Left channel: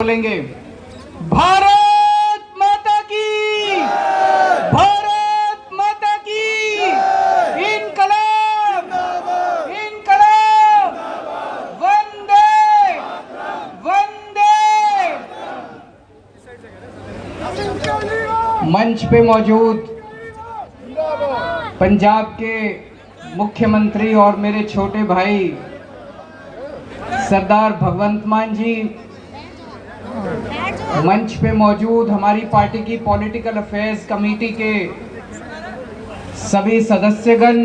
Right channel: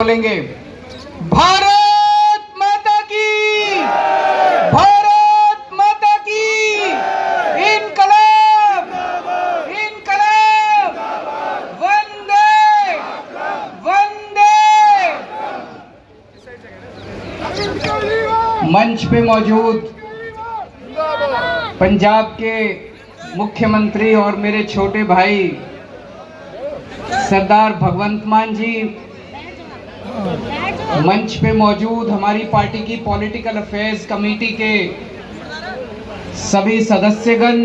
बोलेंगे भारत माता की, भारत माता की, इनकलाब इनकलाब, वंदे वंदे। मंच पे मौजूद पंजाब के मुख्यमंत्री और मेरे छोटे भाई सरदार भगवंत मान जी, मंच पे मौजूद हमारी पार्टी की पॉलिटिकल अफेयर्स कमेटी के सभी सदस्यगण,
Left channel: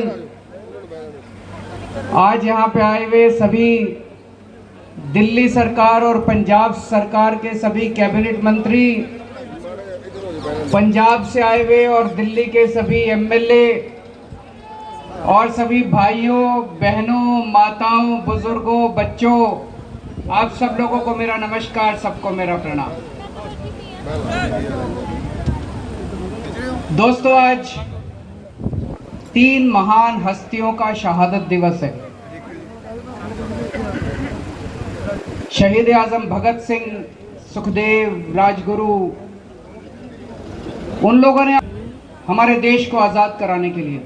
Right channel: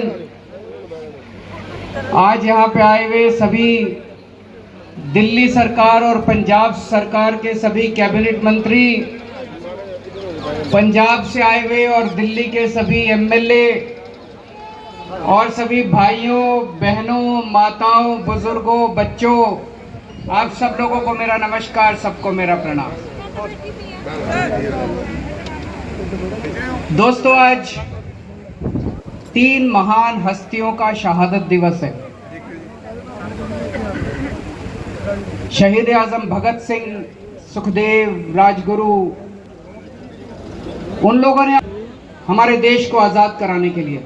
आज यहाँ पे आए हुए सभी दिल्ली सरकार और पंजाब सरकार के सभी कैबिनेट मंत्री, पंजाब से आए हुए और दिल्ली के सभी एमएलए और सभी भाइयों बहनों माताओं बुजुर्गों बच्चों, आप सब लोगों को मेरा नमस्कार, सबको मेरा प्रणाम। दोस्तों, आज 3 महान हस्तियों का शहादत दिवस है। शहीद आजम भगत सिंह, सुखदेव, राजगुरु, उन लोगों ने हमारे देश को आजाद कराने के लिए,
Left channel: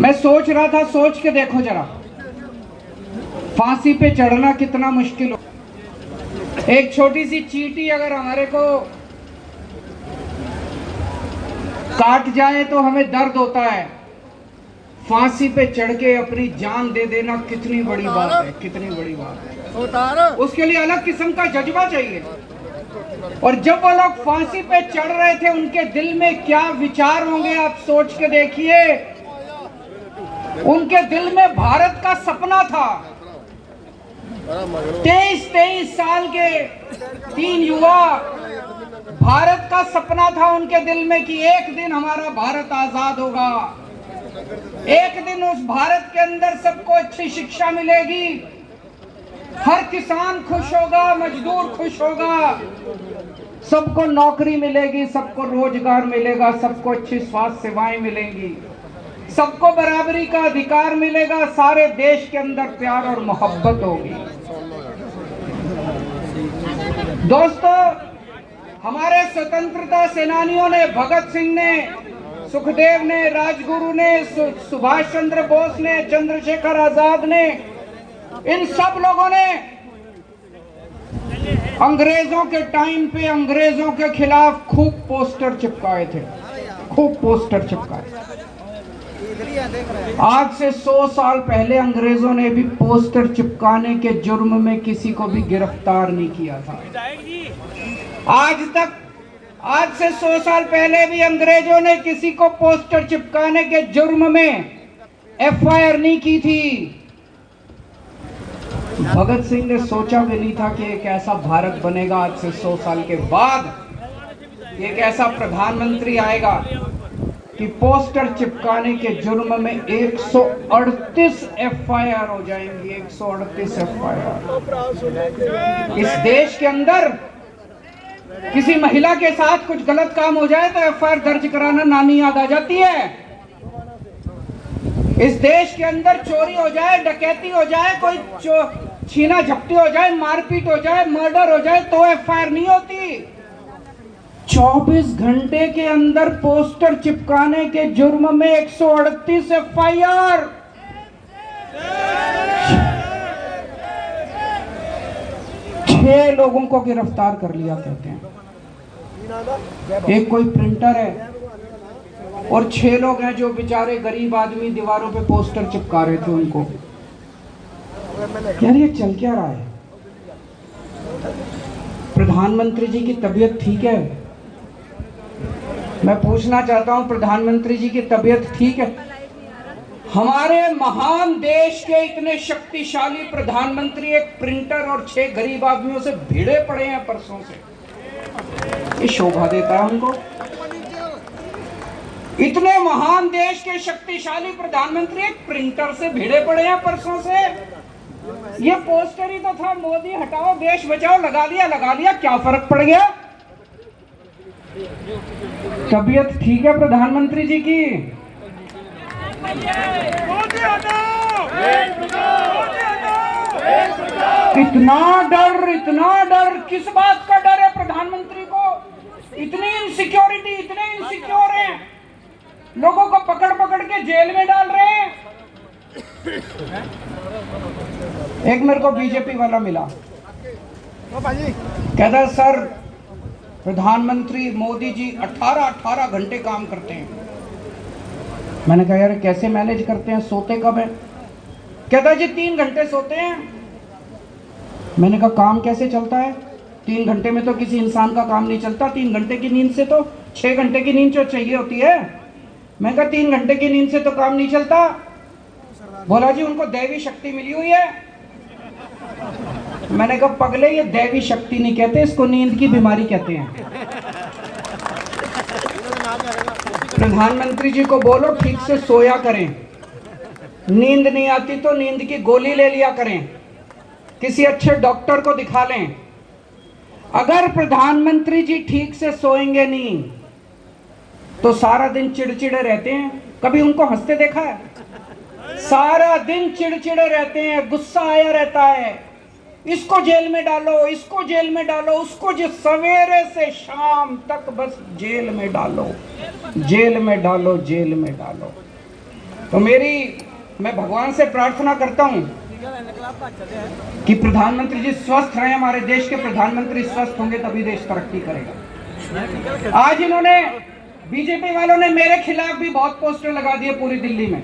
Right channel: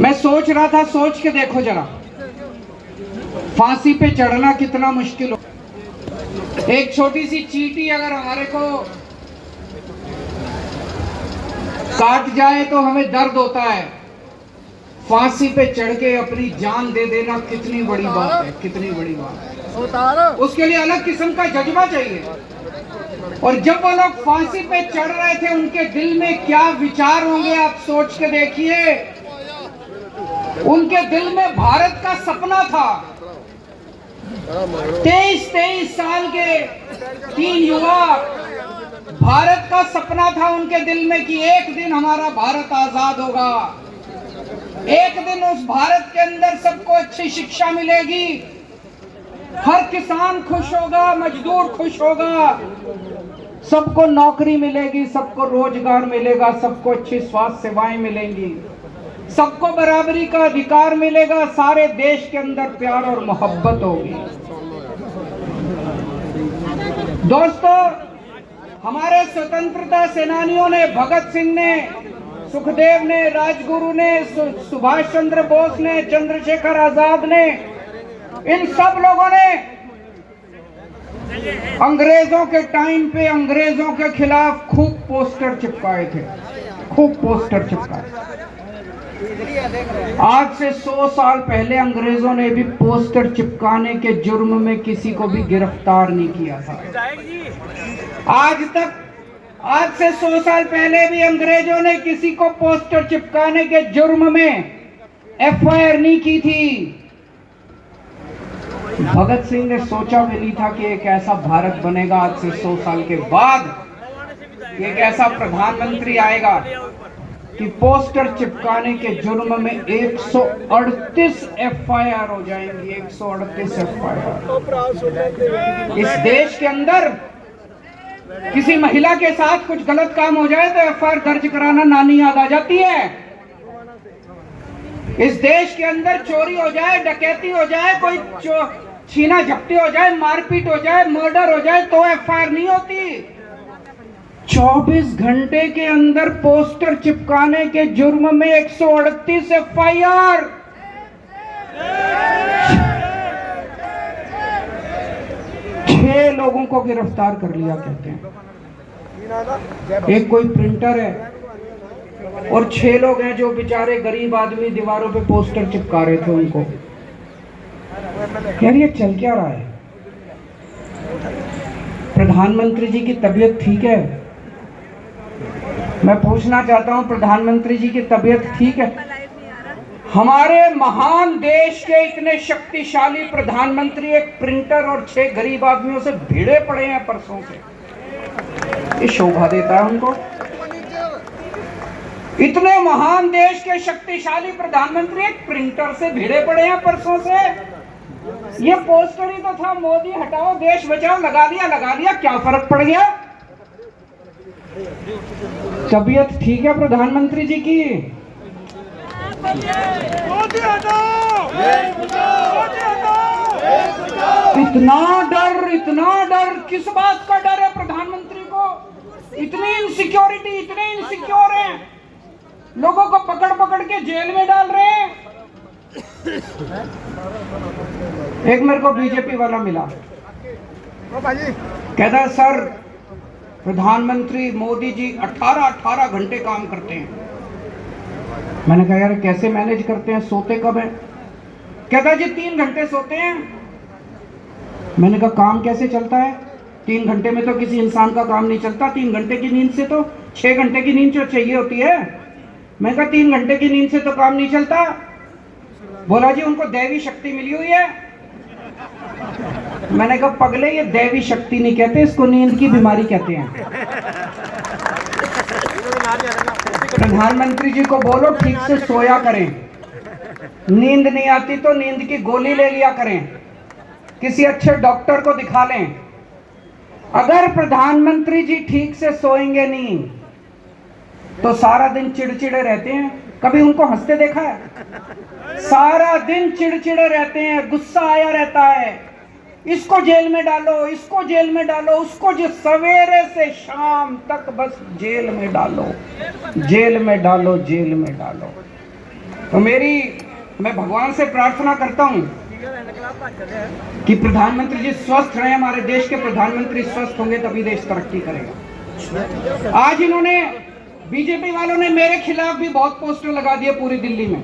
मैं सोच रहा था, सोच के देखो जरा, फांसी पे चढ़ना कितना मुश्किल हो। एक छोटी सी चींटी अगर हमारे को काट जाए तो हमें दर्द होता है, फांसी पे चढ़ के अपनी जान दे देना कितनी बड़ी बात है, कितनी बड़ी बात है। उसके लिए अलग किस्म का जज्बा चाहिए। और जब वो लोग फांसी पे चढ़ रहे थे, उनके दिल में क्या विचार होंगे आप सोच के देखिए। उनके दिल में भारत का सपना था। 23 साल के 3 युवा, भारत का सपना था उनके दिल में कि एक दिन हमारा भारत आजाद होगा, एक दिन उस भारत के अंदर सबको अच्छी शिक्षा मिलेगी, हर किसान खुश होगा, मजदूर खुश होगा, सबको नौकरी मिलेगी, सबको रोजगार मिलेगा, सबको अच्छी स्वास्थ्य सेवाएं मिलेंगी, सबको बराबरी का अधिकार मिलेगा, सारे देश के अंदर प्यार और मोहब्बत होगी। दोस्तों, हमारे स्वतंत्रता सेनानियों ने, भगत सिंह ने, सुखदेव ने, राजगुरु ने, सुभाष चंद्र बोस ने, चंद्रशेखर आजाद ने, इन सब लोगों ने अंग्रेजों के टाइम पे अंग्रेजों के खिलाफ खूब पोस्टर चिपकाए थे, खूब पोस्टर चिपकाए। आज से 100 साल पहले अंग्रेजों ने भी पोस्टर चिपकाने के जुर्म में किसी को भी गिरफ्तार नहीं किया था। आज से 100 साल पहले भी अंग्रेजों ने किसी को पोस्टर चिपकाने के जुर्म में एफआईआर नहीं की थी। भगत सिंह ने सोचा भी नहीं था कि एक ऐसा भारत बनेगा, आज से 100 साल के बाद एक ऐसा प्रधानमंत्री आएगा कि पोस्टर चिपकाने के जुर्म में 138 एफआईआर हो जाएंगी। 138 एफआईआर। इस देश के अंदर किसी महिला के साथ कुछ गलत काम हो जाए तो एफआईआर दर्ज कराना नानी याद आ जाती है। इस देश के अंदर चोरी हो जाए, डकैती हो जाए, कोई छीना झपटी हो जाए, मारपीट हो जाए, मर्डर हो जाए तो एफआईआर नहीं होती। 24 घंटे के अंदर पोस्टर चिपकाने के जुर्म में 138 एफआईआर। 6 लोगों को गिरफ्तार कर लिया कहते हैं। एक कोई प्रिंटर है और 6 लोग हैं जो बेचारे गरीब आदमी दीवारों पे पोस्टर चिपका रहे थे उनको। यार, ये चल क्या रहा है? प्रधानमंत्री जी की तबीयत ठीक है? मैं पूछना चाहता हूं, प्रधानमंत्री जी की तबीयत ठीक है? हमारे महान देश के इतने शक्तिशाली प्रधानमंत्री एक प्रिंटर और 6 गरीब आदमियों से भिड़े पड़े हैं परसों से। ये शोभा देता है उनको? इतने महान देश के शक्तिशाली प्रधानमंत्री एक प्रिंटर से भिड़े पड़े हैं परसों से। ये पोस्टर ही तो था, मोदी हटाओ देश बचाओ, लगा दिया, क्या फर्क पड़ गया? तबीयत ठीक है प्रधानमंत्री जी की? मोदी हटाओ, मोदी हटाओ, इतना डर किस बात का डर है प्रधानमंत्री को? इतनी इनसिक्योरिटी, इतने इनसिक्योर हैं, लोगों को पकड़ पकड़ के जेल में डाल रहे हैं। एक मेरे को बीजेपी वाला मिला, कहता है सर प्रधानमंत्री मोदी जी 18 घंटे काम करते हैं। मैंने कहा यार कैसे मैनेज करते हैं, सोते कब है? कहता जी 3 घंटे सोते हैं। मैंने कहा काम कैसे चलता है? 3 घंटे में तो किसी इंसान का काम नहीं चलता, 3 घंटे की नींद से तो 6 घंटे की नींद जो चाहिए होती है। मैं कहा 3 घंटे की नींद से तो काम नहीं चलता। बोला जी उनको दैवी शक्ति मिली हुई है। मैंने कहा पगले ये दैवी शक्ति नहीं कहते, इसको नींद की बीमारी कहते हैं। प्रधानमंत्री जी को बोलो ठीक से सोया करें, नींद नहीं आती तो नींद की गोली ले लिया करें, किसी अच्छे डॉक्टर को दिखा लें। अगर प्रधानमंत्री जी ठीक से सोएंगे नहीं तो सारा दिन चिड़चिड़े रहते हैं। कभी उनको हंसते देखा है? सारा दिन चिड़चिड़े रहते हैं, गुस्सा आया रहता है, इसको जेल में डालो, इसको जेल में डालो, उसको सवेरे से शाम तक बस जेल में डालो, जेल में डालो, जेल में डालो। तो मैं भगवान से प्रार्थना करता हूं कि प्रधानमंत्री जी स्वस्थ रहे, हमारे देश के प्रधानमंत्री स्वस्थ होंगे तभी देश तरक्की करेगा। आज इन्होंने बीजेपी वालों ने मेरे खिलाफ भी बहुत पोस्टर लगा दिए पूरी दिल्ली में।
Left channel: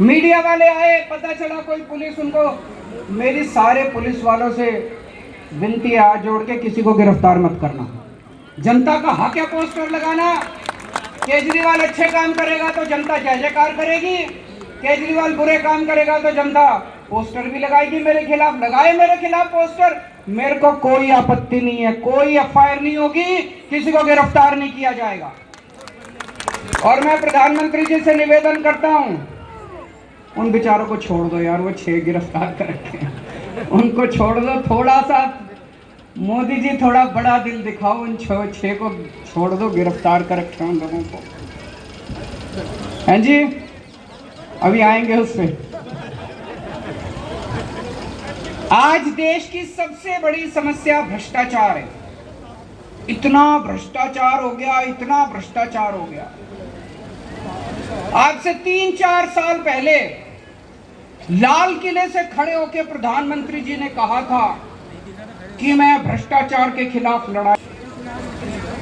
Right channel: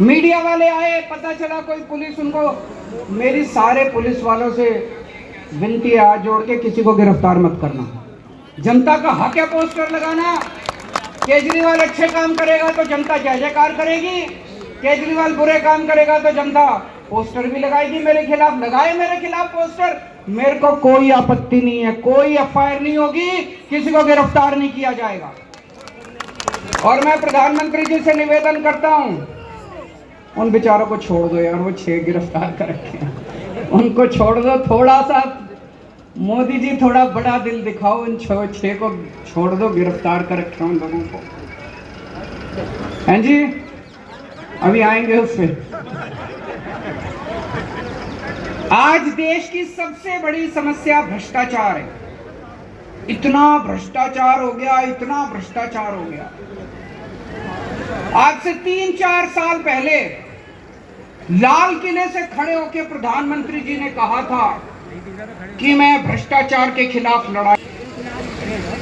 मीडिया वाले आए, पता चला कोई पुलिस उनको, मेरी सारे पुलिस वालों से विनती है हाथ जोड़ के किसी को गिरफ्तार मत करना। जनता का हक है पोस्टर लगाना। केजरीवाल अच्छे काम करेगा तो जनता जय जयकार करेगी, केजरीवाल बुरे काम करेगा तो जनता पोस्टर भी लगाएगी मेरे खिलाफ। लगाए मेरे खिलाफ पोस्टर, मेरे को कोई आपत्ति नहीं है, कोई एफआईआर नहीं होगी, किसी को गिरफ्तार नहीं किया जाएगा। और मैं प्रधानमंत्री जी से निवेदन करता हूं, उन बेचारों को छोड़ दो यार, वो 6 गिरफ्तार कर रखे हैं, उनको छोड़ दो। थोड़ा सा मोदी जी थोड़ा बड़ा दिल दिखाओ, उन 6 को छोड़ दो, गिरफ्तार कर रखे हैं उन लोगों को। हैं जी, अभी आएंगे उस पे। आज देश की सबसे बड़ी समस्या भ्रष्टाचार है। इतना भ्रष्टाचार हो गया, इतना भ्रष्टाचार हो गया। आज से 3-4 साल पहले लाल किले से खड़े होकर प्रधानमंत्री जी ने कहा था कि मैं भ्रष्टाचार के खिलाफ लड़ाई।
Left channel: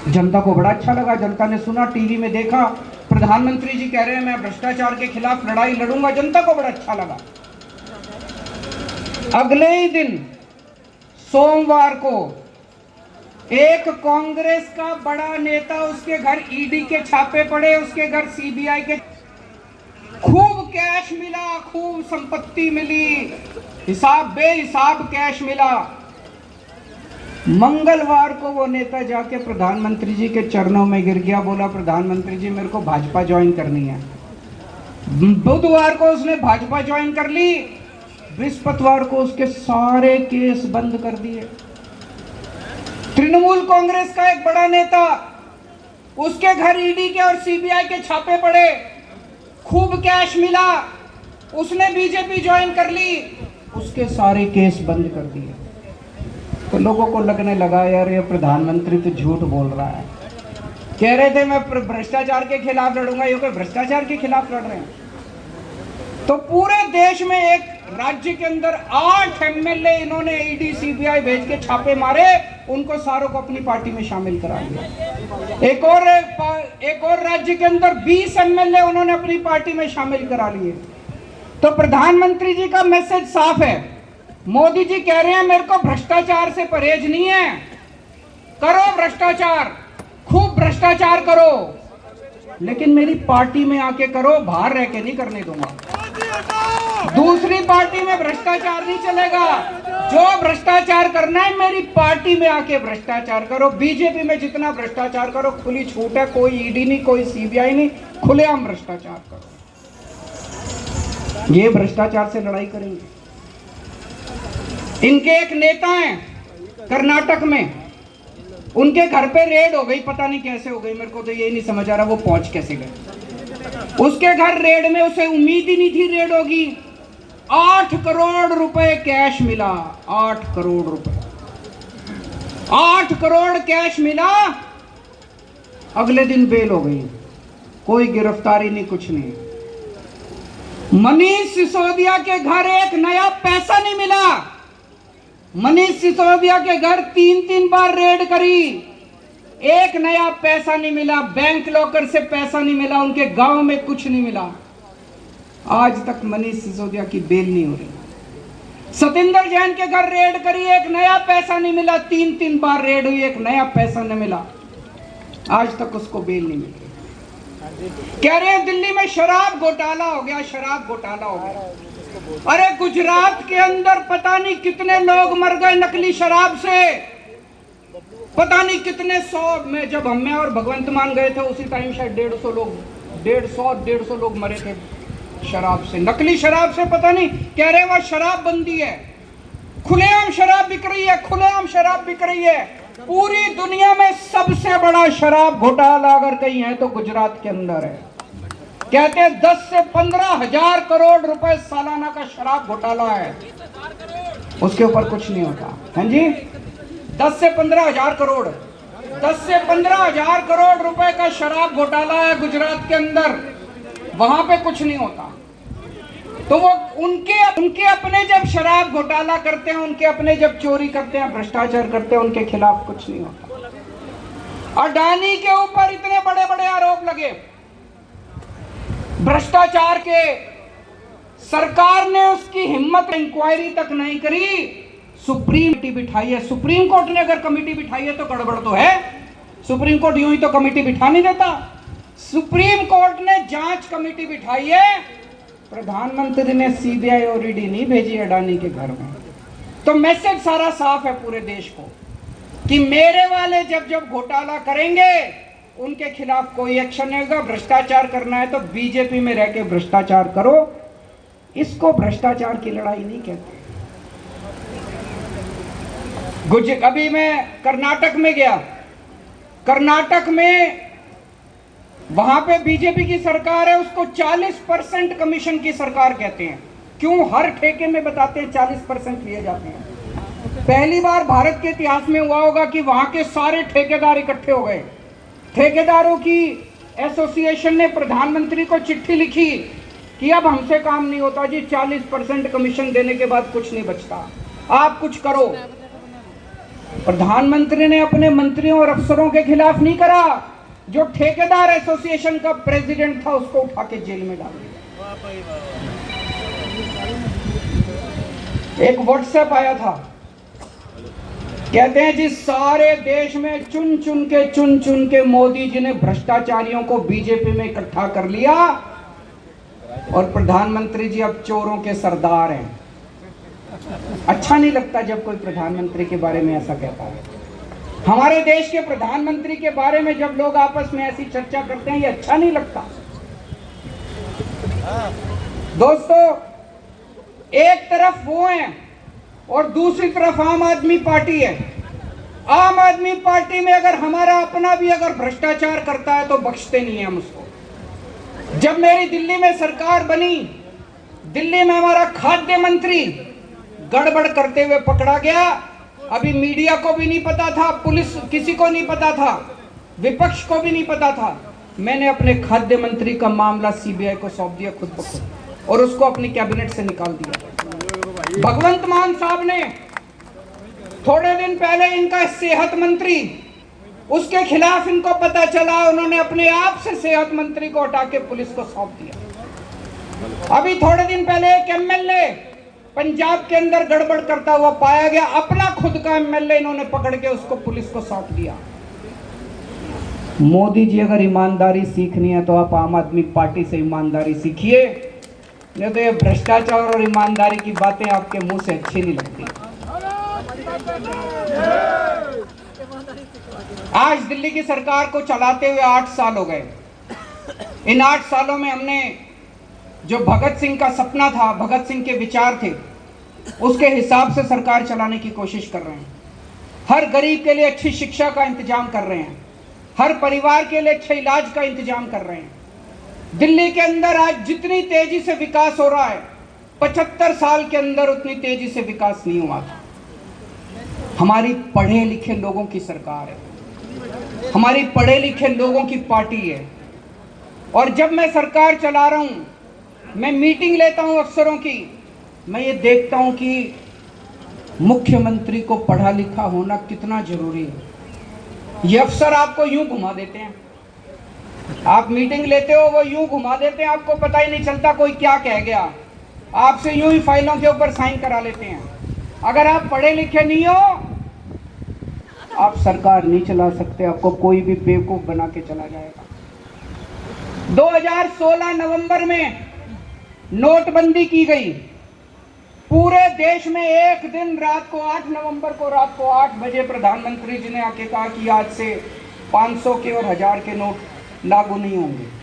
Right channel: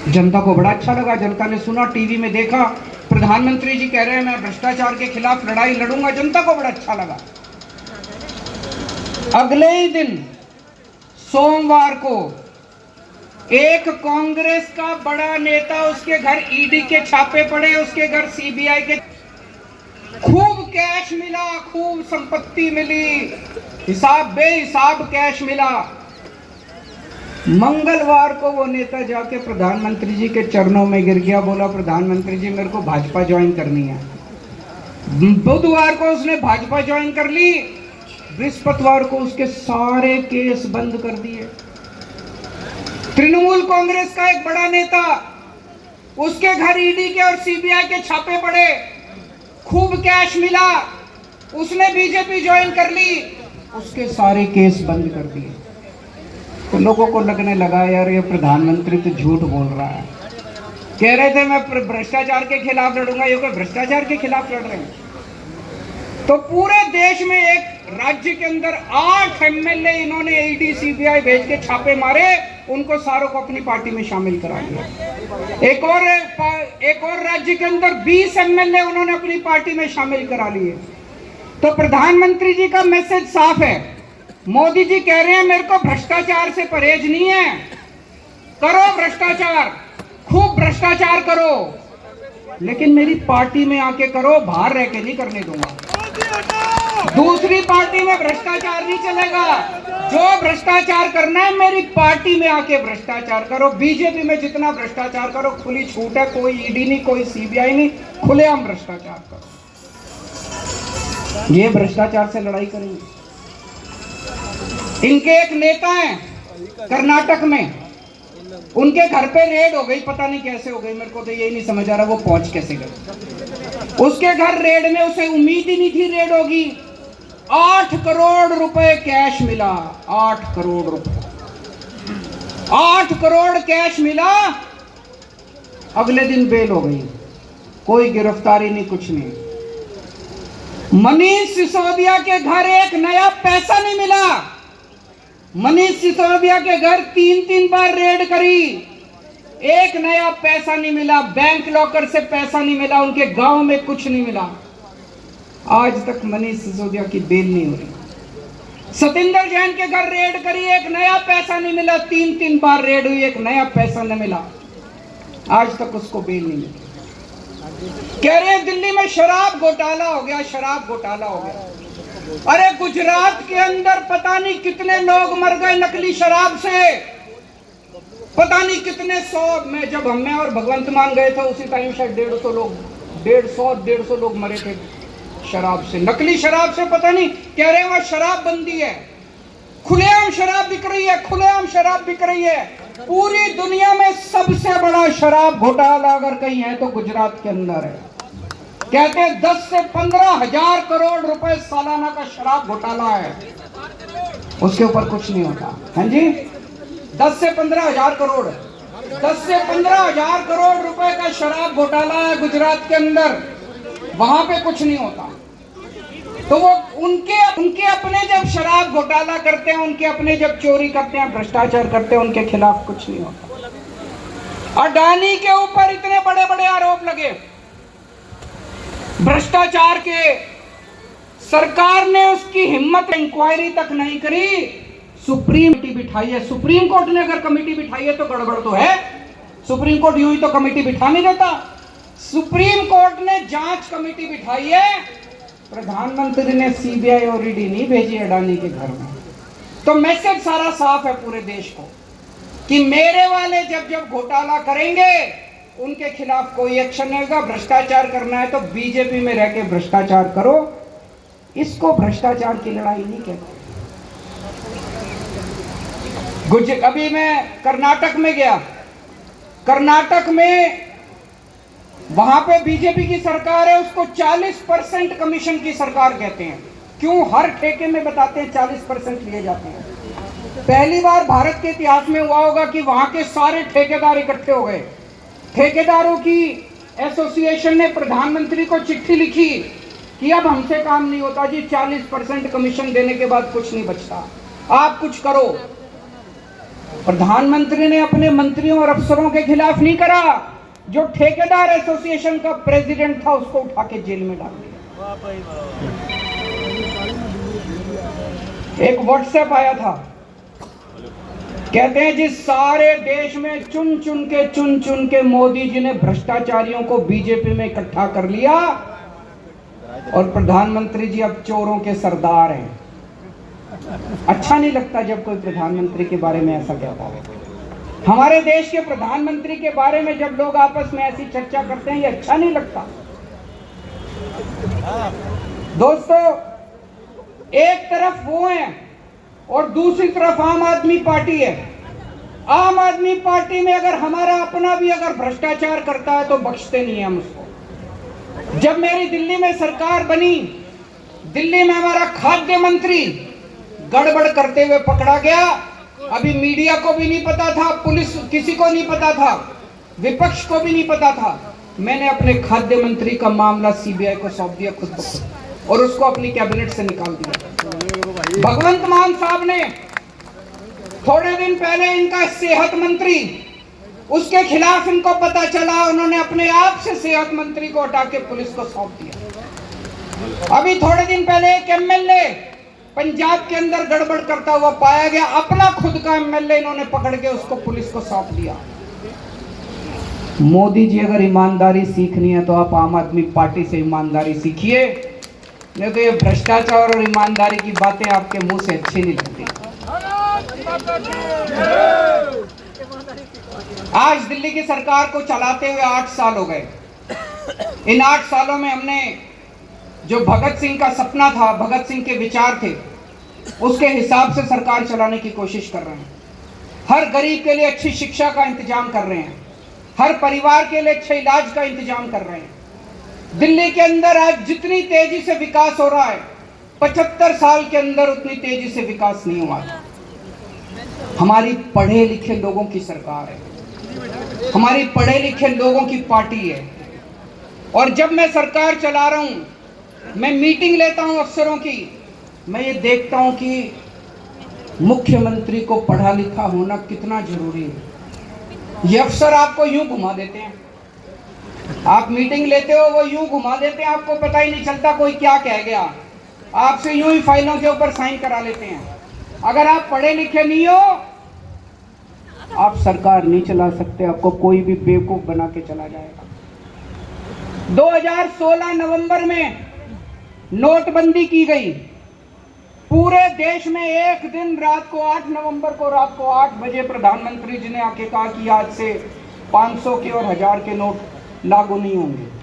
जनता को बड़ा अच्छा लगा, जनता ने सुना, टीवी में देखा, प्रधानमंत्री जी कह रहे हैं मैं भ्रष्टाचार के खिलाफ लड़ाई लड़ूंगा। जनता को बड़ा अच्छा लगा। अगले ही दिन सोमवार को एक कांग्रेस का बड़ा नेता, उसके घर ईडी के छापे पड़े, उसके घर सीबीआई के, खूब कैश मिला, खूब संपत्ति मिली, हिसाब बेहिसाब कैश मिला। मंगलवार को वो नेता जाके प्रधानमंत्री जी के चरणों में गिर गया, बोला प्रधानमंत्री जी मेरे को भाजपा ज्वाइन करनी है। बुधवार को उसने भाजपा ज्वाइन कर ली, बृहस्पतिवार को उसके सारे केस बंद कर दिए। तृणमूल कांग्रेस का एक बड़ा नेता, उसके घर ईडी के और सीबीआई के छापे पड़े, खूब कैश मिला, उसने बीजेपी ज्वाइन कर ली, उसके सारे केस बंद कर दिए। तो लोगों को लगने लगा यार ये प्रधानमंत्री तो झूठ बोल रहा है। कह रहे थे मैं भ्रष्टाचार के खिलाफ लड़ूंगा, ये कोई भ्रष्टाचार के खिलाफ लड़ रहे हैं। तो पूरे देश में एक राज्य के अंदर 8 एमएलए इन्होंने ईडी सीबीआई भेज के छापे मारे, उनको सारों को अपनी पार्टी में शामिल करा लिया। एक और राज्य के अंदर 20 एमएलए उन्होंने अपनी पार्टी में शामिल करा लिए। तो प्रधानमंत्री जी का मैसेज साफ है। मोदी जी कह रहे हैं मेरे को भ्रष्टाचार से परहेज नहीं है, करो भ्रष्टाचार, खूब भ्रष्टाचार करो, लेकिन मेरी पार्टी में आके करो, बाहर रह के नहीं करने दूंगा। दूसरी पार्टी में भ्रष्टाचार नहीं चलेगा, जो भ्रष्टाचार करना है मेरी पार्टी में आके भ्रष्टाचार करो। बीजेपी में जितना भ्रष्टाचार करो खुली छूट है, कोई ईडी नहीं, कोई सीबीआई नहीं, खुलेआम भ्रष्टाचार करो। ये भ्रष्टाचार से लड़ाई करेंगे। इनके एक नेता हैं कर्नाटक में, उनके घर पे रेड हो गई, पता नहीं कैसे हो गई, मेरे को तो यही नहीं समझ आ रहा वो पहुंच कैसे गए। उसके घर रेड में, उसे उम्मीद ही नहीं थी रेड होगी, 8 करोड़ रुपए कैश मिला। 8 करोड़ रुपए, 8 करोड़ कैश मिला। अगले दिन बेल हो गई, कोई गिरफ्तारी नहीं, कुछ नहीं। मनीष सिसोदिया के घर एक नया पैसा नहीं मिला। मनीष सिसोदिया के घर 3-3 बार रेड करी, एक नया पैसा नहीं मिला। बैंक लॉकर से पैसा नहीं मिला, उनके गांव में कुछ नहीं मिला। आज तक मनीष सिसोदिया की बेल नहीं हुई। सतिंदर जैन के घर रेड करी, एक नया पैसा नहीं मिला। 3-3 बार रेड हुई, एक नया पैसा नहीं मिला। आज तक उसको बेल नहीं मिली। कह रहे हैं दिल्ली में शराब घोटाला हो गया, शराब घोटाला हो गया। अरे गुजरात के अंदर पता नहीं कितने लोग मर गए नकली शराब से, पता नहीं कितने 100 में। जब हमें और भगवंत मान गए थे उसी टाइम शायद 150 लोग 150 लोग मरे थे शराब से, नकली शराब से। पता नहीं, कह रहे वह शराब बंदी है, खुलेआम शराब बिक रही है, खुलेआम शराब बिक रही है। पूरी दुनिया में सबसे बड़ा शराब घोटाला अगर कहीं है तो गुजरात के अंदर है। कहते हैं 10 से 15 हजार करोड़ रुपए सालाना का शराब घोटाला है, उसके ऊपर कुछ नहीं होता। हाँ जी, 10 से 15 हजार करोड़, 10 से 15 हजार करोड़ रुपए का शराब घोटाला है गुजरात के अंदर, वहां पे कुछ नहीं होता। तो वो उनके अपने जब शराब घोटाला करते हैं, उनके अपने जब चोरी करते हैं, भ्रष्टाचार करते हैं, उनके खिलाफ कुछ नहीं होता। अडानी के ऊपर इतने बड़े बड़े आरोप लगे भ्रष्टाचार के, सरकार ने उसकी हिम्मत इंक्वायरी तक नहीं करी। सुप्रीम कमेटी बिठाई है, सुप्रीम कोर्ट ने अगर कमेटी बिठाई है तो गड़बड़ तो है। सुप्रीम कोर्ट यूं ही तो कमेटी बिठा नहीं देता। सुप्रीम कोर्ट ने जांच कमेटी बिठाई है, प्रधानमंत्री ने सीबीआई और ईडी नहीं भेजी अडानी के घर में। तो मैसेज सारा साफ है पूरे देश को कि मेरे वाले जब जब घोटाला करेंगे उनके खिलाफ कोई एक्शन नहीं होगा। भ्रष्टाचार करना है तो बीजेपी में रह के भ्रष्टाचार करो, इसको भ्रष्टाचार की लड़ाई नहीं कहते। अभी मैं कर्नाटक में गया, कर्नाटक में वहां पे बीजेपी की सरकार है, उसको 40% कमीशन की सरकार कहते हैं। क्यों? हर ठेके में बताते हैं 40% लिए जाते हैं। पहली बार भारत के इतिहास में हुआ होगा कि वहां के सारे ठेकेदार इकट्ठे हो गए। ठेकेदारों की एसोसिएशन ने प्रधानमंत्री को चिट्ठी लिखी कि अब हमसे काम नहीं होता जी, 40% कमीशन देने के बाद कुछ नहीं बचता, आप कुछ करो। प्रधानमंत्री ने अपने मंत्रियों और अफसरों के खिलाफ नहीं करा, जो ठेकेदार एसोसिएशन का प्रेसिडेंट था उसको उठा के जेल में डाल दिया। एक व्हाट्सएप आया था, कहते हैं जिस सारे देश में चुन चुन के मोदी जी ने भ्रष्टाचारियों को बीजेपी में इकट्ठा कर लिया और प्रधानमंत्री जी अब चोरों के सरदार हैं। अच्छा नहीं लगता जब कोई प्रधानमंत्री के बारे में ऐसा कहता है। हमारे देश के प्रधानमंत्री के बारे में जब लोग आपस में ऐसी चर्चा करते हैं, ये अच्छा नहीं लगता। दोस्तों, एक तरफ वो है और दूसरी तरफ आम आदमी पार्टी है। आम आदमी पार्टी में अगर हमारा अपना भी अगर भ्रष्टाचार करता है तो बख्शते नहीं है हम उसको। जब मेरी दिल्ली में सरकार बनी, दिल्ली में हमारा खाद्य मंत्री गड़बड़ करते हुए पकड़ा गया। अभी मीडिया को भी नहीं पता था, पुलिस किसी को नहीं पता था, विपक्ष को भी नहीं पता था। मैंने अपने खाद्य मंत्री का मामला सीबीआई को सौंप दिया खुद ब खुद और उसको अपनी कैबिनेट से निकाल दिया। भगवंत मान साहब ने थोड़े दिन पहले इनका सेहत मंत्री, उसके खिलाफ इनको पता चला, उन्होंने अपने आप से सेहत मंत्री को हटा के पुलिस को सौंप दिया। अभी थोड़े दिन पहले एक एमएलए पंजाब के अंदर गड़बड़ करता हुआ पाया गया, अपना खुद का एमएलए इन्होंने पकड़ के उसको पुलिस को सौंप दिया। मोदी जी अगर ईमानदारी सीखनी है तो आप आम आदमी पार्टी से ईमानदारी सीखिए, नहीं तो ये भ्रष्टाचार और ईमानदारी की बातें आपके मुंह से अच्छी नहीं लगती। आज दिल्ली की सरकार को चलाते हुए 8 साल हो गए। इन 8 सालों में हमने जो भगत सिंह का सपना था, भगत सिंह के विचार थे, उसके हिसाब से सरकार चलाने की कोशिश कर रहे हैं। हर गरीब के लिए अच्छी शिक्षा का इंतजाम कर रहे हैं, हर परिवार के लिए अच्छे इलाज का इंतजाम कर रहे हैं। दिल्ली के अंदर आज जितनी तेजी से विकास हो रहा है, 75 साल के अंदर उतनी तेजी से विकास नहीं हुआ था। हमारी पढ़े लिखे लोगों की सरकार है, हमारी पढ़े लिखे लोगों की पार्टी है। और जब मैं सरकार चला रहा हूं, मैं मीटिंग लेता हूं अफसरों की, मैं ये देखता हूं कि मुख्यमंत्री को पढ़ा लिखा होना कितना जरूरी है। ये अफसर आपको यूं घुमा देते हैं, आप मीटिंग लेते हो वो यूं घुमा देते हैं, आपको पता ही नहीं चलता कोई क्या कह गया, आपसे यूं ही फाइलों के ऊपर साइन करा लेते हैं। अगर आप पढ़े लिखे नहीं हो, आप सरकार नहीं चला सकते, आपको कोई भी बेवकूफ बना के चला जाएगा। 2016 नवंबर में नोटबंदी की गई, पूरे देश में एक दिन रात को 8 नवंबर को रात को 8 बजे प्रधानमंत्री जी ने आके कहा कि आज से 500 के और 1000 के नोट लागू नहीं होंगे।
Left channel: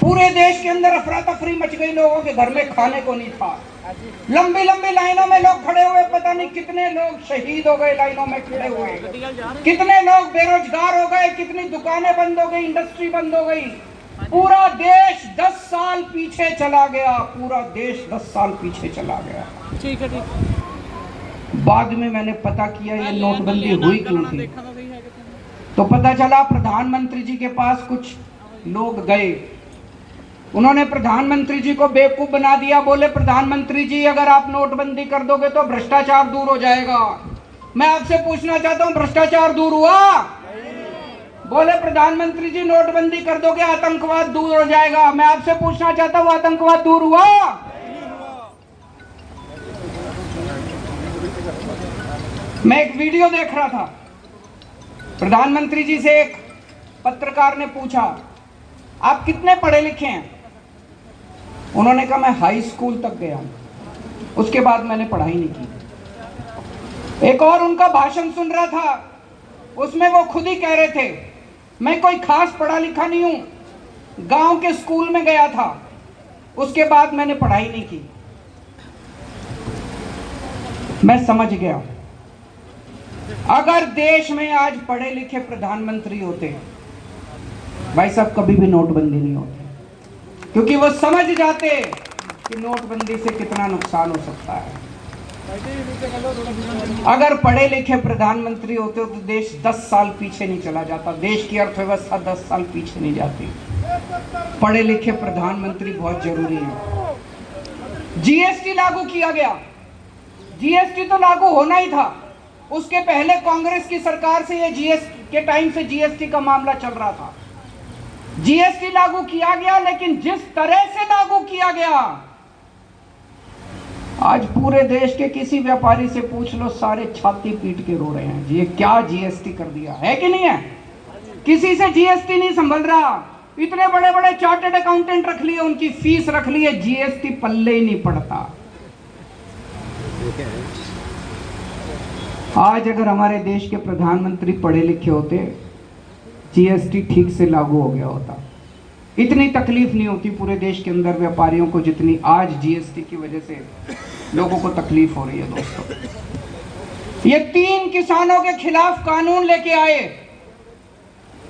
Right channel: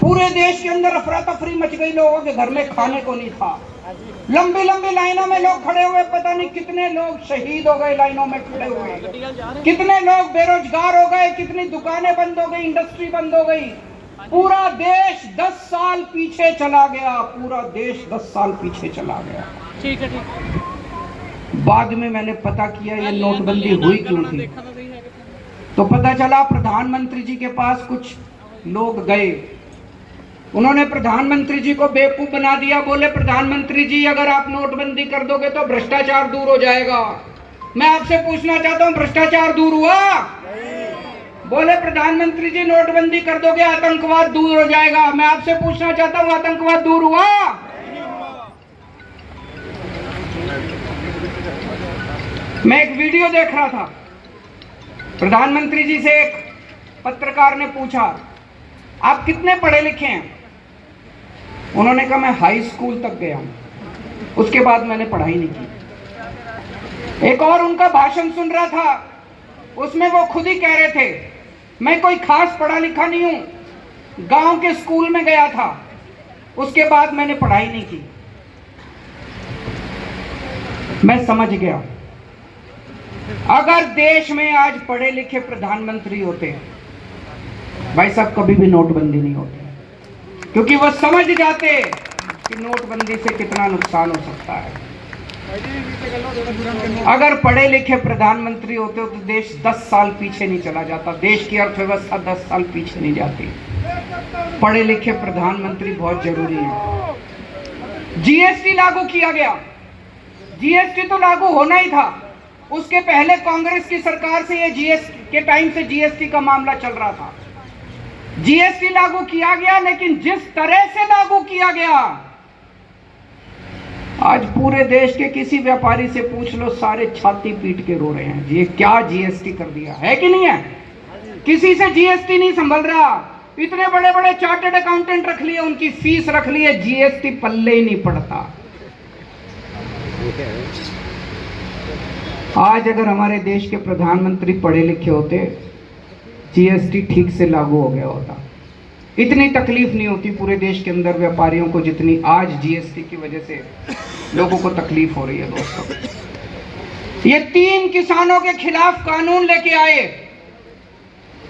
पूरे देश के अंदर अफरा तफरी मच गई, लोगों के घर में खाने को नहीं था, लंबी लंबी लाइनों में लोग खड़े हुए, पता नहीं कितने लोग शहीद हो गए लाइनों में खड़े हुए, कितने लोग बेरोजगार हो गए, कितनी दुकानें बंद हो गई, इंडस्ट्री बंद हो गई। पूरा देश 10 साल पीछे चला गया, पूरा देश 10 साल पीछे चला गया। ठीक है, ठीक। बाद में मैंने पता किया ये नोटबंदी हुई क्यों थी, तो पता चला प्रधानमंत्री जी के पास कुछ लोग गए, उन्होंने प्रधानमंत्री जी को बेवकूफ बना दिया। बोले प्रधानमंत्री जी अगर आप नोटबंदी कर दोगे तो भ्रष्टाचार दूर हो जाएगा। मैं आपसे पूछना चाहता हूं भ्रष्टाचार दूर हुआ? बोले प्रधानमंत्री जी नोटबंदी कर दोगे आतंकवाद दूर हो जाएगा। मैं आपसे पूछना चाहता हूं आतंकवाद दूर हुआ? मैं एक वीडियो देख रहा था, प्रधानमंत्री जी से एक पत्रकार ने पूछा आप कितने पढ़े लिखे हैं? उन्होंने कहा मैं हाई स्कूल तक गया, उसके बाद मैंने पढ़ाई नहीं की। एक और उनका भाषण सुन रहा था, उसमें वो खुद ही कह रहे थे मैं कोई खास पढ़ा लिखा नहीं हूं, गांव के स्कूल में गया था, उसके बाद मैंने पढ़ाई नहीं की। मैं समझ गया अगर देश में आज पढ़े लिखे प्रधानमंत्री होते भाई साहब कभी भी नोटबंदी नहीं होती, क्योंकि वो समझ जाते कि नोटबंदी से कितना नुकसान हो सकता है। अगर पढ़े लिखे प्रधानमंत्री होते तो देश 10 साल पीछे नहीं चला जाता, देश की अर्थव्यवस्था 10 साल पीछे नहीं जाती। पढ़े लिखे प्रधानमंत्री बहुत जरूरी है। जीएसटी लागू किया गया, जीएसटी तो लागू होना ही था, उसके पहले कांग्रेस की सरकार से ये जीएसटी के टाइम से जीएसटी का मामला चल रहा था। जीएसटी लागू किया गया, लेकिन जिस तरह से लागू किया गया, आज पूरे देश के किसी व्यापारी से पूछ लो, सारे छाती पीट के रो रहे हैं ये क्या जीएसटी कर दिया है कि नहीं है। किसी से जीएसटी नहीं संभल रहा, इतने बड़े बड़े चार्टर्ड अकाउंटेंट रख लिए, उनकी फीस रख ली है, जीएसटी पल्ले ही नहीं पड़ता। आज अगर हमारे देश के प्रधानमंत्री पढ़े लिखे होते, जीएसटी ठीक से लागू हो गया होता, इतनी तकलीफ नहीं होती पूरे देश के अंदर व्यापारियों को जितनी आज जीएसटी की वजह से लोगों को तकलीफ हो रही है। दोस्तों ये 3 किसानों के खिलाफ कानून लेके आए,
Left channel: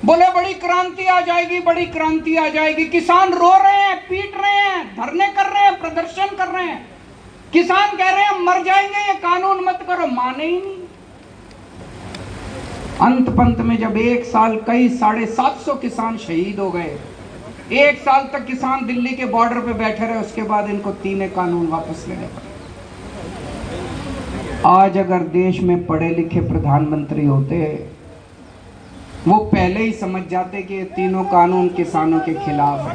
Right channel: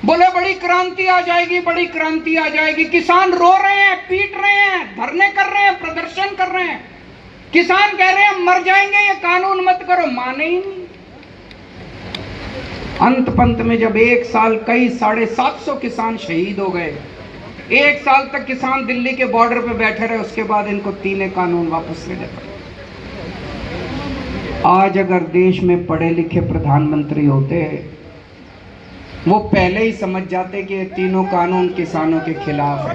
बोले बड़ी क्रांति आ जाएगी, बड़ी क्रांति आ जाएगी। किसान रो रहे हैं, पीट रहे हैं, धरने कर रहे हैं, प्रदर्शन कर रहे हैं, किसान कह रहे हैं मर जाएंगे, ये कानून मत करो, माने ही नहीं। अंत पंत में जब 1 साल कई 750 किसान शहीद हो गए, 1 साल तक किसान दिल्ली के बॉर्डर पे बैठे रहे, उसके बाद इनको 3 कानून वापस ले गए। आज अगर देश में पढ़े लिखे प्रधानमंत्री होते, वो पहले ही समझ जाते कि ये 3 कानून किसानों के खिलाफ है।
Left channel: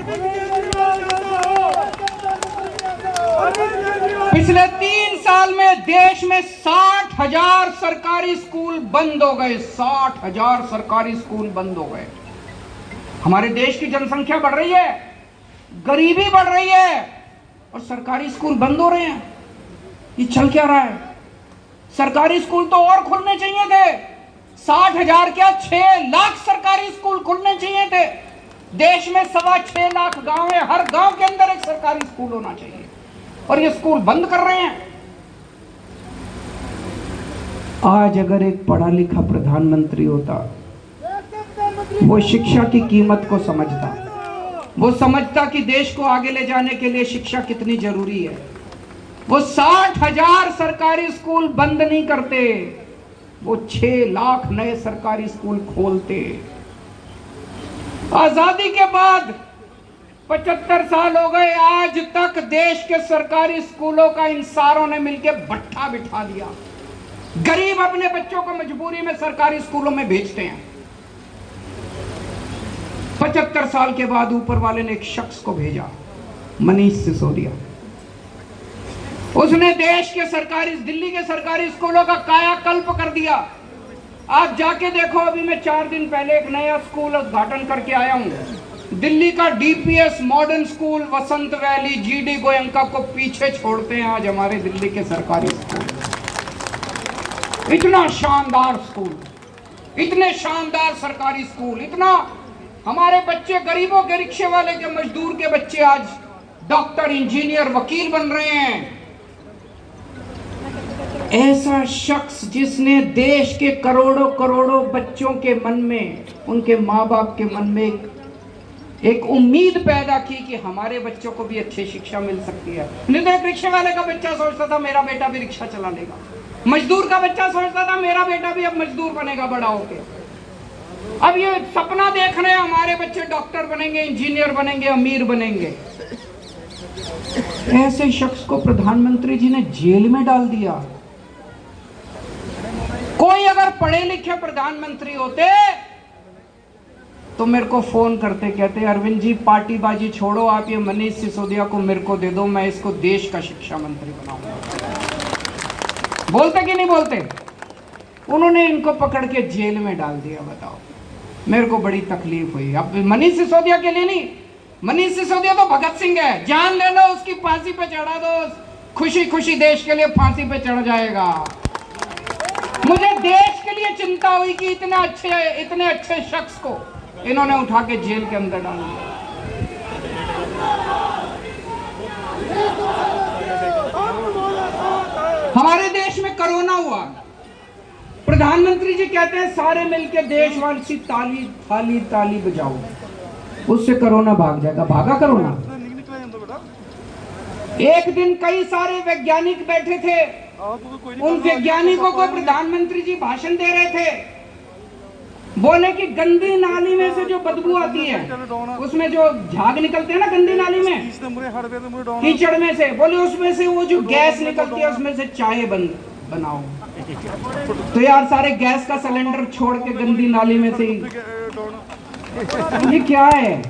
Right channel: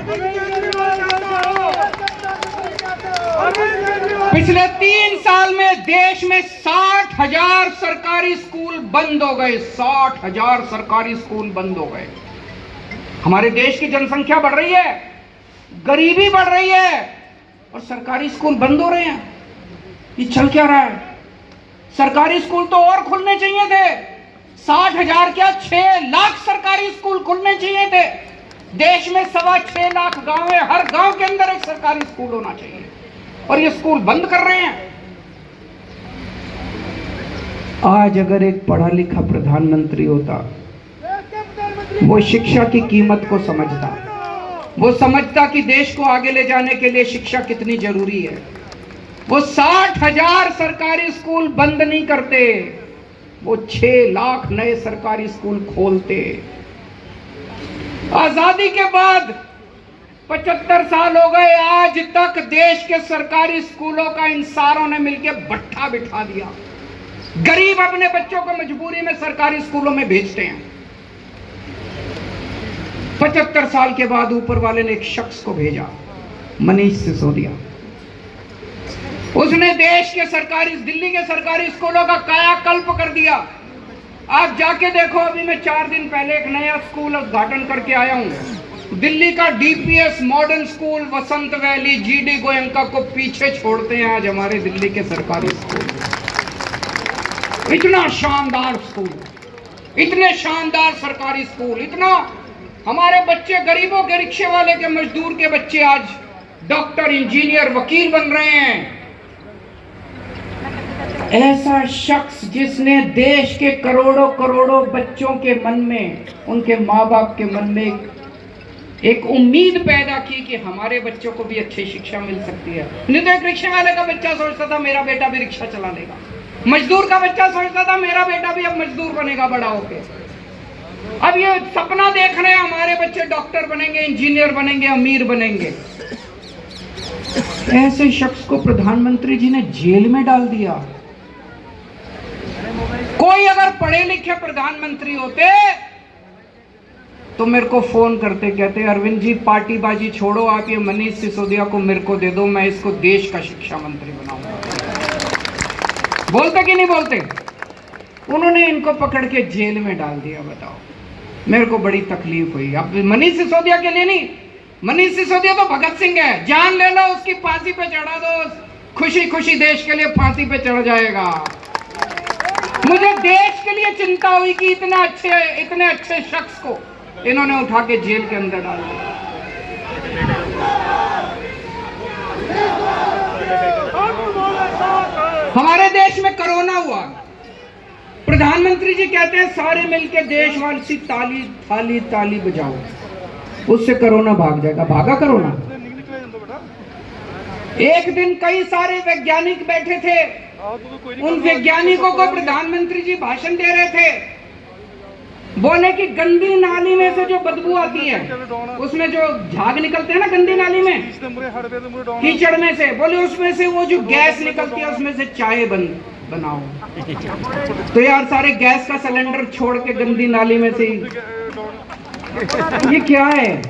पिछले 3 साल में देश में 60,000 सरकारी स्कूल बंद हो गए, 60,000 सरकारी स्कूल बंद हो गए। हमारे देश की जनसंख्या बढ़ रही है, गरीबी बढ़ रही है, और सरकारी स्कूल बंद हो रहे हैं। ये चल क्या रहा है? सरकारी स्कूल तो और खुलने चाहिए थे, 60,000 क्या 6 लाख सरकारी स्कूल खुलने चाहिए थे। देश में 6.25 लाख गांव है, हर गांव के अंदर एक सरकारी स्कूल होना चाहिए, और ये स्कूल बंद कर रहे हैं। आज अगर एक पढ़ा लिखा प्रधानमंत्री होता, वो शिक्षा की कीमत को समझता, वो समझता कि देश को आगे ले जाने के लिए शिक्षा कितनी जरूरी है। वो 60,000 सरकारी स्कूल बंद नहीं करते, वो 6 लाख नए सरकारी स्कूल खोलते। आजादी के बाद 75 साल हो गए, आज तक देश के सरकारी स्कूलों का इन सारों ने मिलकर भट्ठा बिठा दिया। गरीब अपने बच्चों को मजबूरी में सरकारी स्कूलों में भेजते हैं। 75 साल के बाद ऊपर वाले ने एक शख्स को भेजा, मनीष सिसोदिया। उसने देश के सरकारी, दिल्ली के सरकारी स्कूलों का कायाकल्प कर दिया। आप जाके देखो, अभी मैं 4 दिन पहले एक नया स्कूल उद्घाटन करके आया हूं। दिल्ली का डीपीएस मॉडर्न स्कूल वसंत वैली, जीडी गोयंका को पीछे छोड़ते हैं आज हमारे दिल्ली के सरकारी स्कूल। इतना शानदार स्कूल, इतने शानदार सरकारी स्कूल, इतना हमारे बच्चे, गरीबों के, रिक्शे वाले के, मजदूर के बच्चे आज डॉक्टर, इंजीनियर, वकील बन रहे हैं। ऐसा शख्स जिसने देश के करोड़ों करोड़ों बच्चों के मन में, उनके माँ बाप के मन में एक उम्मीद पैदा की कि हमारे बच्चों को भी अच्छी शिक्षा मिल सकती है। नहीं तो एक रिक्शे वाले का बच्चा सोचता था मेरा बेटा भी रिक्शा चला लेगा, मजदूर का बच्चा सोचता था मेरा बेटा भी अब मजदूर बनेगा बड़ा होके। अब ये सपना देख रहे हैं हमारे बच्चे डॉक्टर बनेंगे, इंजीनियर बनेंगे, अमीर बनेंगे। ऐसे शख्स को प्रधानमंत्री जी ने जेल में डाल दिया। कोई अगर पढ़े लिखे प्रधानमंत्री होते तो मेरे को फोन करते, कहते अरविंद जी पार्टीबाजी छोड़ो, आप ये मनीष सिसोदिया को मेरे को दे दो, मैं इसको देश का शिक्षा मंत्री बनाऊंगा। बोलते कि नहीं बोलते? उन्होंने इनको पकड़ के जेल में डाल दिया। बताओ, मेरे को बड़ी तकलीफ हुई। अब मनीष सिसोदिया के लिए नहीं, मनीष सिसोदिया तो भगत सिंह है, जान लेना उसकी फांसी पे चढ़ा दो, खुशी खुशी देश के लिए फांसी पे चढ़ जाएगा। मुझे देश के लिए चिंता हुई कि इतने अच्छे शख्स को इन्होंने उठा के जेल के अंदर डाल दिया। हमारे देश में कोरोना हुआ, प्रधानमंत्री जी कहते हैं सारे मिलकर देशवासी ताली ताली ताली बजाओ, उससे कोरोना भाग जाएगा। भागा कोरोना? एक दिन कई सारे वैज्ञानिक बैठे थे, उन वैज्ञानिकों को प्रधानमंत्री जी भाषण दे रहे थे, बोले कि गंदी नाली में से जो बदबू आती है, उसमें जो झाग निकलते हैं ना गंदी नाली में, कीचड़ में से, बोले उसमें से वो जो गैस निकलती है उसमें से चाय बनाओ। तो यार सारे गैस का सिलेंडर छोड़ के गंदी नाली में से, ये क्या है?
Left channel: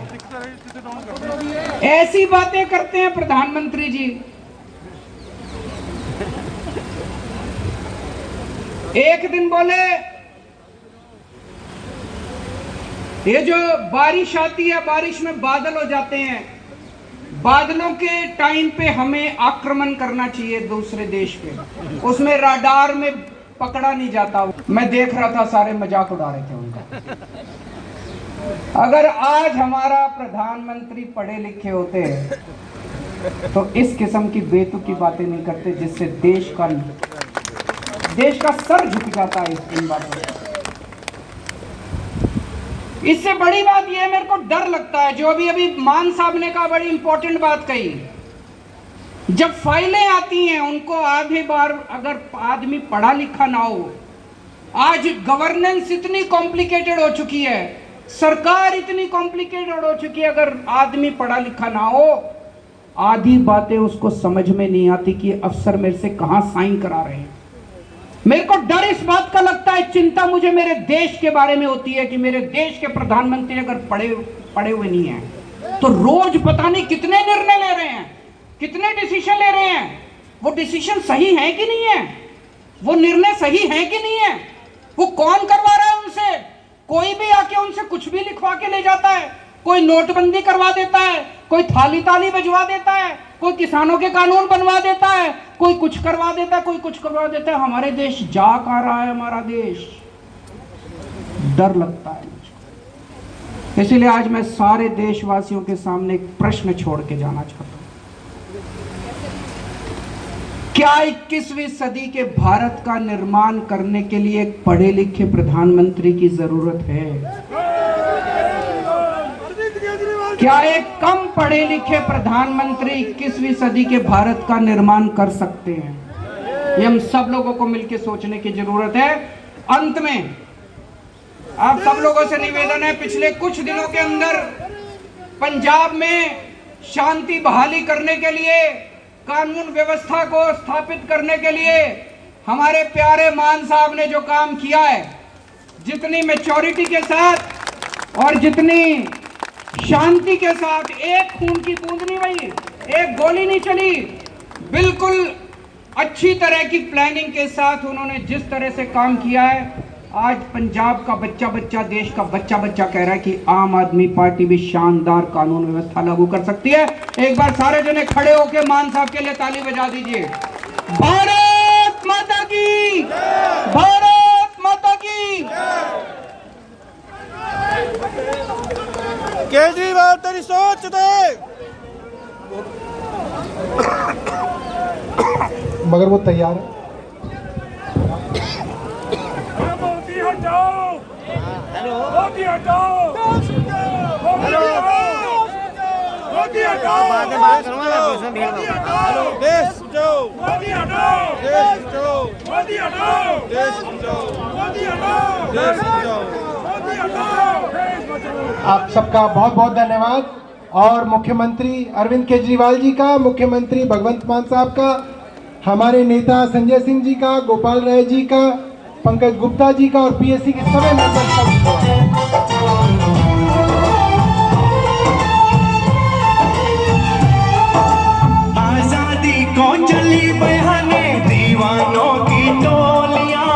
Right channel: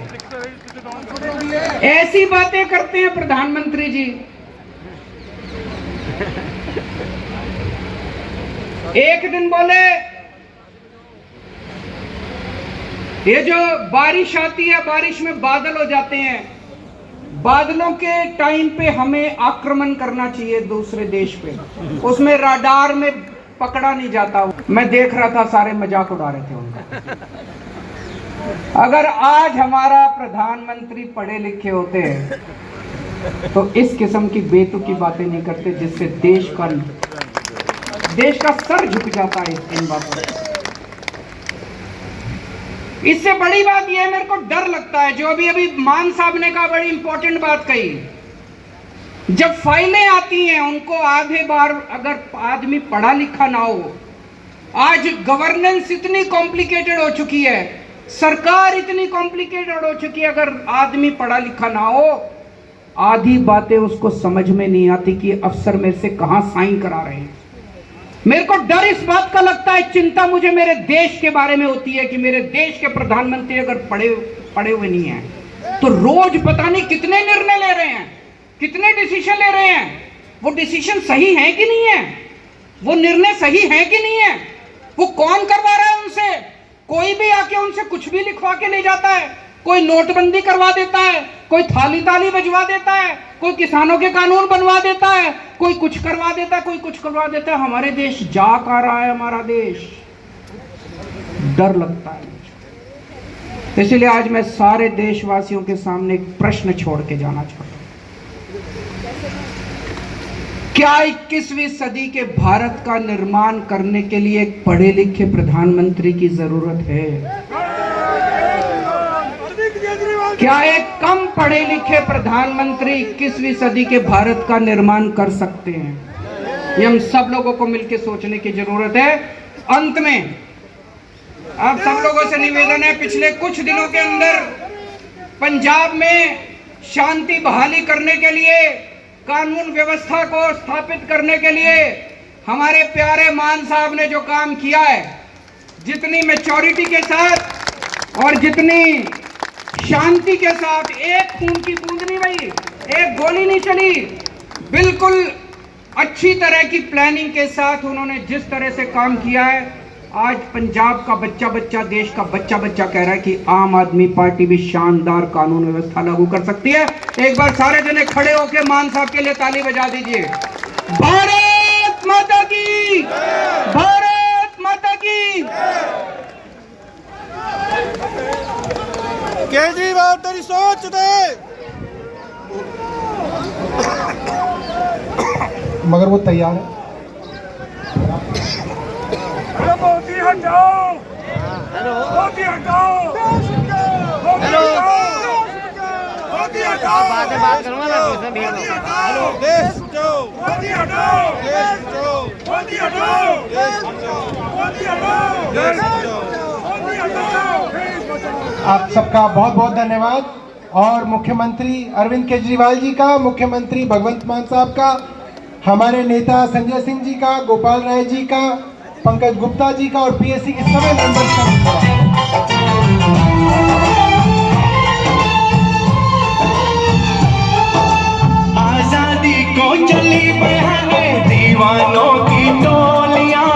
ऐसी बातें करते हैं प्रधानमंत्री जी। एक दिन बोले ये जो बारिश आती है, बारिश में बादल हो जाते हैं, बादलों के टाइम पे हमें आक्रमण करना चाहिए दूसरे देश पे, उसमें राडार में पकड़ा नहीं जाता। मैं देख रहा था, सारे मजाक उड़ा रहे थे उनका। अगर आज हमारा प्रधानमंत्री पढ़े लिखे होते तो इस किस्म की बेतुकी बातें नहीं करते जिससे देश का सर झुक जाता है इन बातों से। इससे बड़ी बात यह मेरे को डर लगता है, जो अभी मान साहब ने कहा, बड़ी इंपॉर्टेंट बात कही। जब फाइलें आती हैं उनको आधे बार अगर आदमी पढ़ा लिखा ना हो, आज गवर्नेंस इतनी कॉम्प्लिकेटेड हो चुकी है, सरकार इतनी कॉम्प्लिकेटेड हो चुकी है, अगर आदमी पढ़ा लिखा ना हो, आधी बातें उसको समझ में नहीं आती कि अफसर मेरे से कहां साइन करा रहे हैं। मेरे को डर इस बात का लगता है, चिंता मुझे मेरे देश के बारे में होती है कि मेरे देश के प्रधानमंत्री अगर पढ़े हुए नहीं हैं तो रोज पता नहीं कितने निर्णय ले रहे हैं, कितने डिसीजन ले रहे हैं। वो डिसीजन सही है कि नहीं है, वो निर्णय सही है कि नहीं है, वो कौन करवा रहा है उनसे? कोई भी आके उनसे कुछ भी लिखवा के ले जाता है, कोई नोटबंदी करवा देता है, कोई थाली ताली बजवा देता है, कोई किसानों के कानून बनवा देता है, कोई कुछ करवा देता है, कोई कुछ करवा देता है। हमारे देश जा आ रहा है, हमारा देश, डर लगता है मुझे। इसलिए आज मैं सारे देशवासियों के सामने एक प्रश्न छोड़ के जाना चाहता हूं, क्या 21वीं सदी के भारत का निर्माण करने के लिए एक पढ़े लिखे प्रधानमंत्री की जरूरत है? क्या एक पढ़े लिखे प्रधानमंत्री 21वीं सदी के भारत का निर्माण कर सकते हैं। ये हम सब लोगों को मिलकर सोचने की जरूरत है। अंत में आप सब लोगों से निवेदन है, पिछले कुछ दिनों के अंदर पंजाब में शांति बहाली करने के लिए, कानून व्यवस्था को स्थापित करने के लिए हमारे प्यारे मान साहब ने जो काम किया है, जितनी मैच्योरिटी के साथ और जितनी शांति के साथ, एक खून की बूंद नहीं बही, एक गोली नहीं चली, बिल्कुल अच्छी तरह की प्लानिंग के साथ उन्होंने जिस तरह से काम किया है, आज पंजाब का बच्चा बच्चा, देश का बच्चा बच्चा कह रहा है कि आम आदमी पार्टी भी शानदार कानून व्यवस्था लागू कर सकती है। एक बार सारे जने खड़े होकर मान साहब के लिए ताली बजा दीजिए। भारत माता की, भारत माता की। केजरीवाल तेरी सोच दे, मगर वो तैयार है। मोदी हटाओ, हेलो मोदी हटाओ, हेलो मोदी हटाओ, बाद में बात करूंगा मैं, दूसरा भेज रहा हूँ। हेलो देश बचाओ, मोदी हटाओ, देश बचाओ, मोदी हटाओ, देश बचाओ, मोदी हटाओ, देश बचाओ, मोदी हटाओ, देश बचाओ। आप सबका बहुत बहुत धन्यवाद। और मुख्यमंत्री अरविंद केजरीवाल जी का, मुख्यमंत्री भगवंत मान साहब का, हमारे नेता संजय सिंह जी का, गोपाल राय जी का, पंकज गुप्ता जी का और पीएससी के सभी मेंबर्स का। आजादी को चली बहाने दीवानों की टोलियां।